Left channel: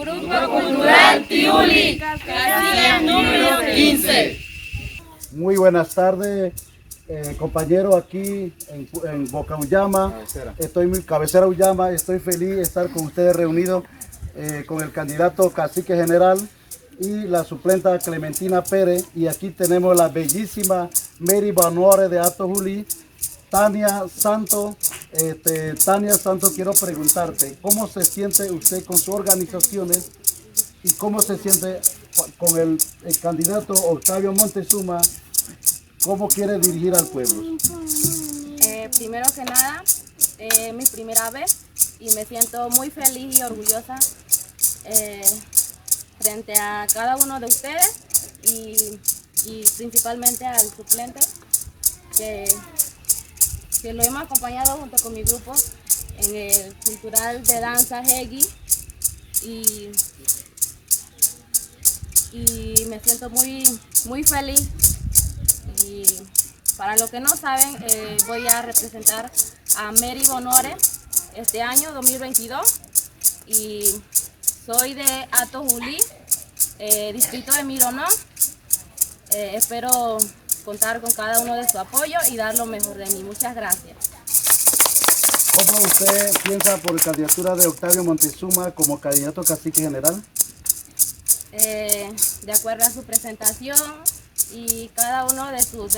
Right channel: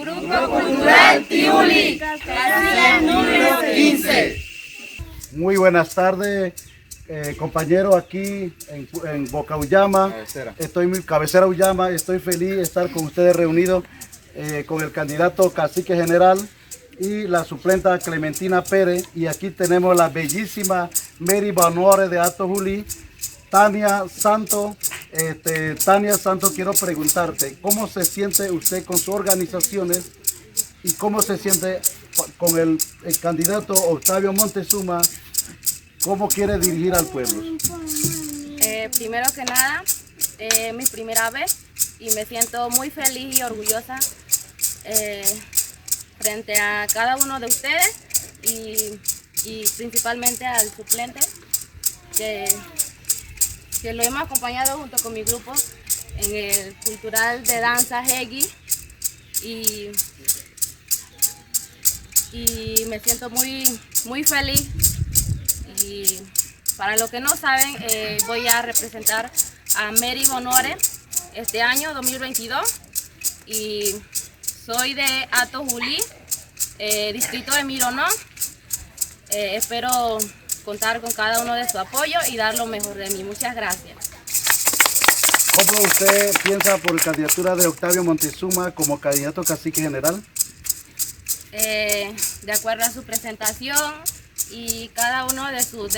Grupo Cultural Tiuli, casilla número 15. Muy buenas tardes, compañeros, aquí en Boca Ullama. Cabecera Ullama. Estoy feliz de estar con ustedes reunidos con el candidato cacique general y la suplenta Clementina Pérez. Y aquí tenemos la bellísima Mary Bonore de Hato Juli. Tania Santos, quiero preguntarte, ¿cómo se siente usted con sus organizaciones y cómo se siente con el candidato Octavio Montezuma? ¿Cómo quiere dirigir al pueblo? Primero que nada, mi primera vez y me siento muy feliz y orgullosa frente a cada uno de ustedes y principalmente al suplente que lo hemos acompañado junto con mi grupo en el Cultural de Danza Hegi y me siento muy feliz. Y para los que no saben, voy a representar a Mary Bonore este año 2022 y soy de Hato Juli, distrito de Mironó. Espero contar con cada uno de su apoyo y dar lo mejor de mí. Muchas gracias. ¿Cómo usted piensa por la candidatura de Octavio Montezuma como candidato cacique general? De acuerdo a su presentación y cada uno de sus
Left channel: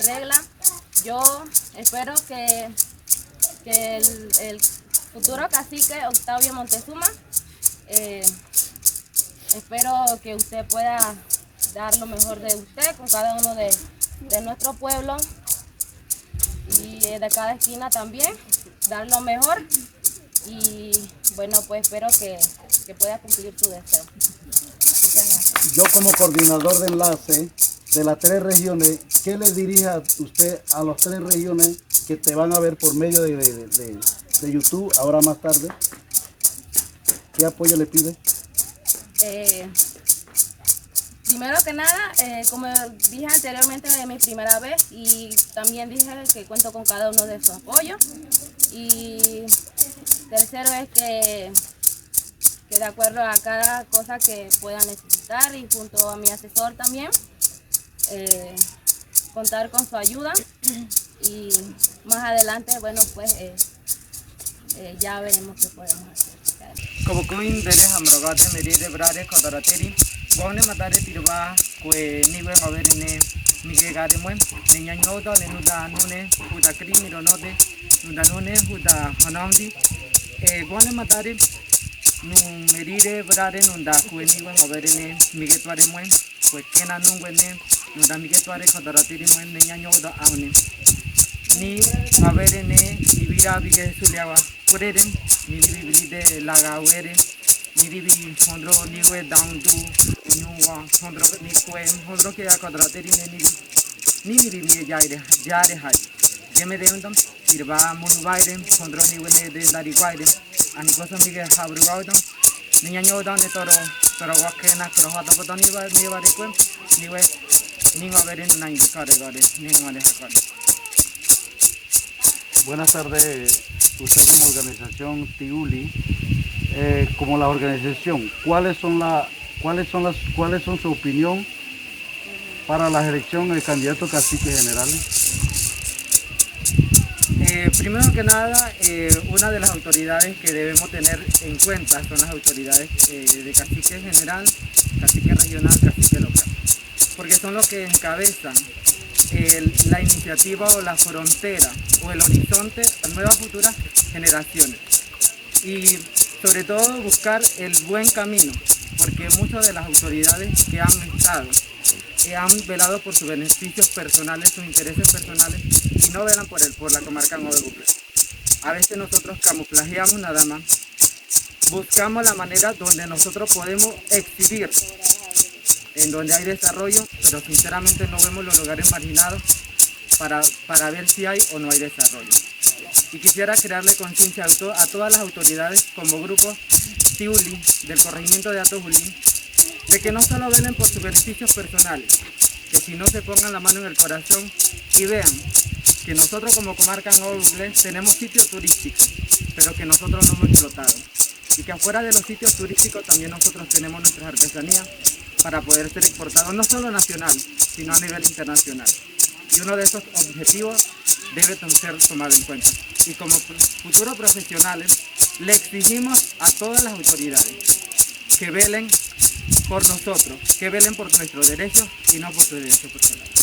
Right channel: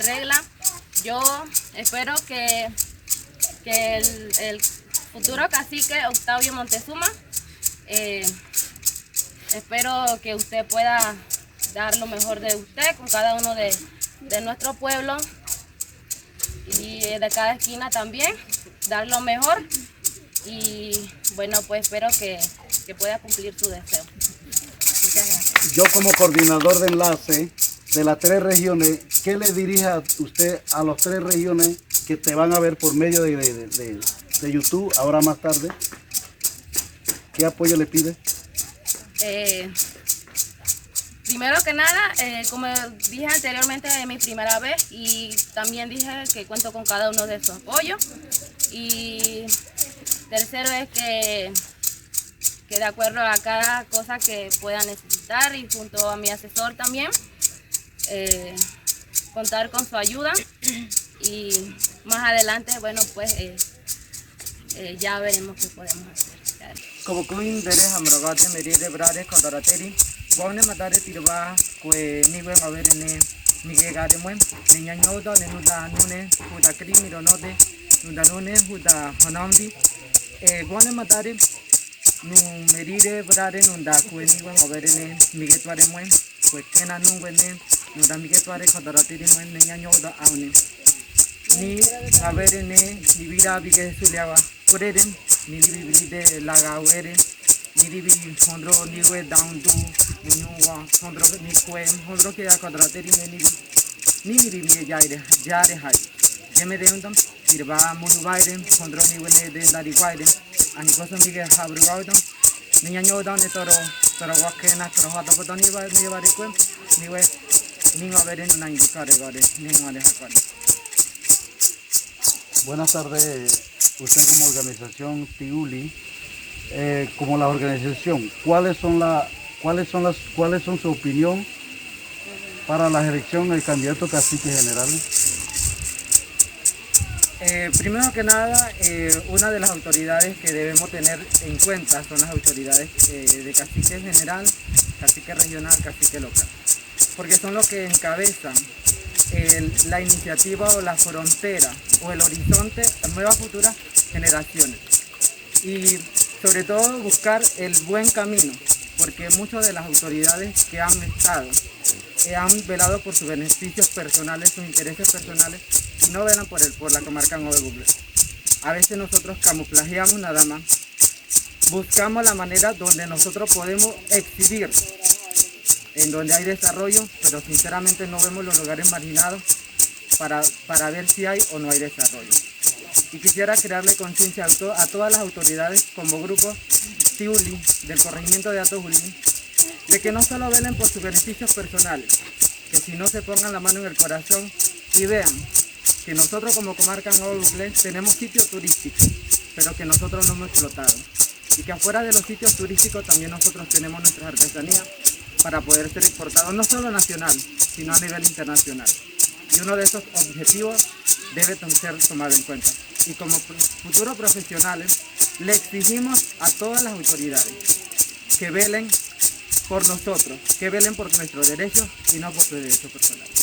reglas, yo espero que el futuro cacique Octavio Montezuma, espero que usted pueda dar lo mejor de usted con cada uno de nuestro pueblo y de cada esquina también, dar lo mejor y bueno, pues espero que pueda cumplir su deseo. Muchas gracias. Yo como coordinador de enlace de las 3 regiones, ¿qué le dirige a usted a las 3 regiones que te van a ver por medio de YouTube ahora más tarde? ¿Qué apoyo le pide? Primero que nada, como dije anteriormente, es mi primera vez y también dije que cuento con cada uno de sus apoyos. Y tercero es que de acuerdo a cada cosa que pueda necesitar y junto a mi asesor también, contar con su ayuda y más adelante, bueno, pues ya veremos qué podemos hacer. Como Queen de Hamrogate, Meride Brade, Codarateri, Bone Matare Tirba, que Niwe Maverene, Miguel Gademuen, Niña Noda, Nenuda Nune, Huda Krimi Ronode, Nuda Nune, Huda Hanamdi, Bone Matare, Nu Meride Brade, Nunda, que Niwe Maverene, Miguel Tuaremuen, pues Kena Nungwene, Nuda Miguel Tuare, Codarateri, Niña Noda Aune. Ni Maverene, ni Vira Bige Suliawa, Kureden, ni Bibli de Lagawere. Niribi Hondro Niwe down to Unyuwa Hondro Nikwem Hondro Kia Quadrateri Niribi Jare Hai Gemedendum Tirba Munubaidem Hondro Niwe de Lariguaidem Anikosa Miguel Habrugaudum Niño down de Toro Wakena Crohata Potoniva Niva de Quem Niwe Niva Veren Nine Caregore Ningua de Hakari. Buenas tardes, usted como organización Tiuli. Como la organización, ¿cuáles son su opinión para la elección del candidato cacique general? Primero que nada, una de las autoridades que debemos tener en cuenta son las autoridades de cacique general, cacique regional, cacique local, porque son los que encabezan la iniciativa o la frontera o el horizonte a nuevas futuras generaciones. Y sobre todo buscar el buen camino, porque muchas de las autoridades que han estado han velado por sus beneficios personales, sus intereses personales y no velan por la comarca Nueva Google. A veces nosotros camuflajeamos nada más, buscamos la manera donde nosotros podemos exhibir, en donde hay desarrollo, pero sinceramente no vemos los lugares marginados para ver si hay o no hay desarrollo. Y quisiera crearle conciencia a todas las autoridades como grupo Tiuli del corregimiento de Hato Juli, de que no solo velen por sus beneficios personales, que si no se pongan la mano en el corazón y vean que nosotros como comarca Nueva Google tenemos sitios turísticos, pero que nosotros no hemos explotado. y que afuera de los sitios turísticos también nosotros tenemos nuestras artesanías para poder ser exportados no solo nacional, sino a nivel internacional. Y uno de esos objetivos debe ser tomado en cuenta. Y como futuros profesionales, le exigimos a todas las autoridades que velen por nosotros, que velen por nuestros derechos y no por sus derechos personales.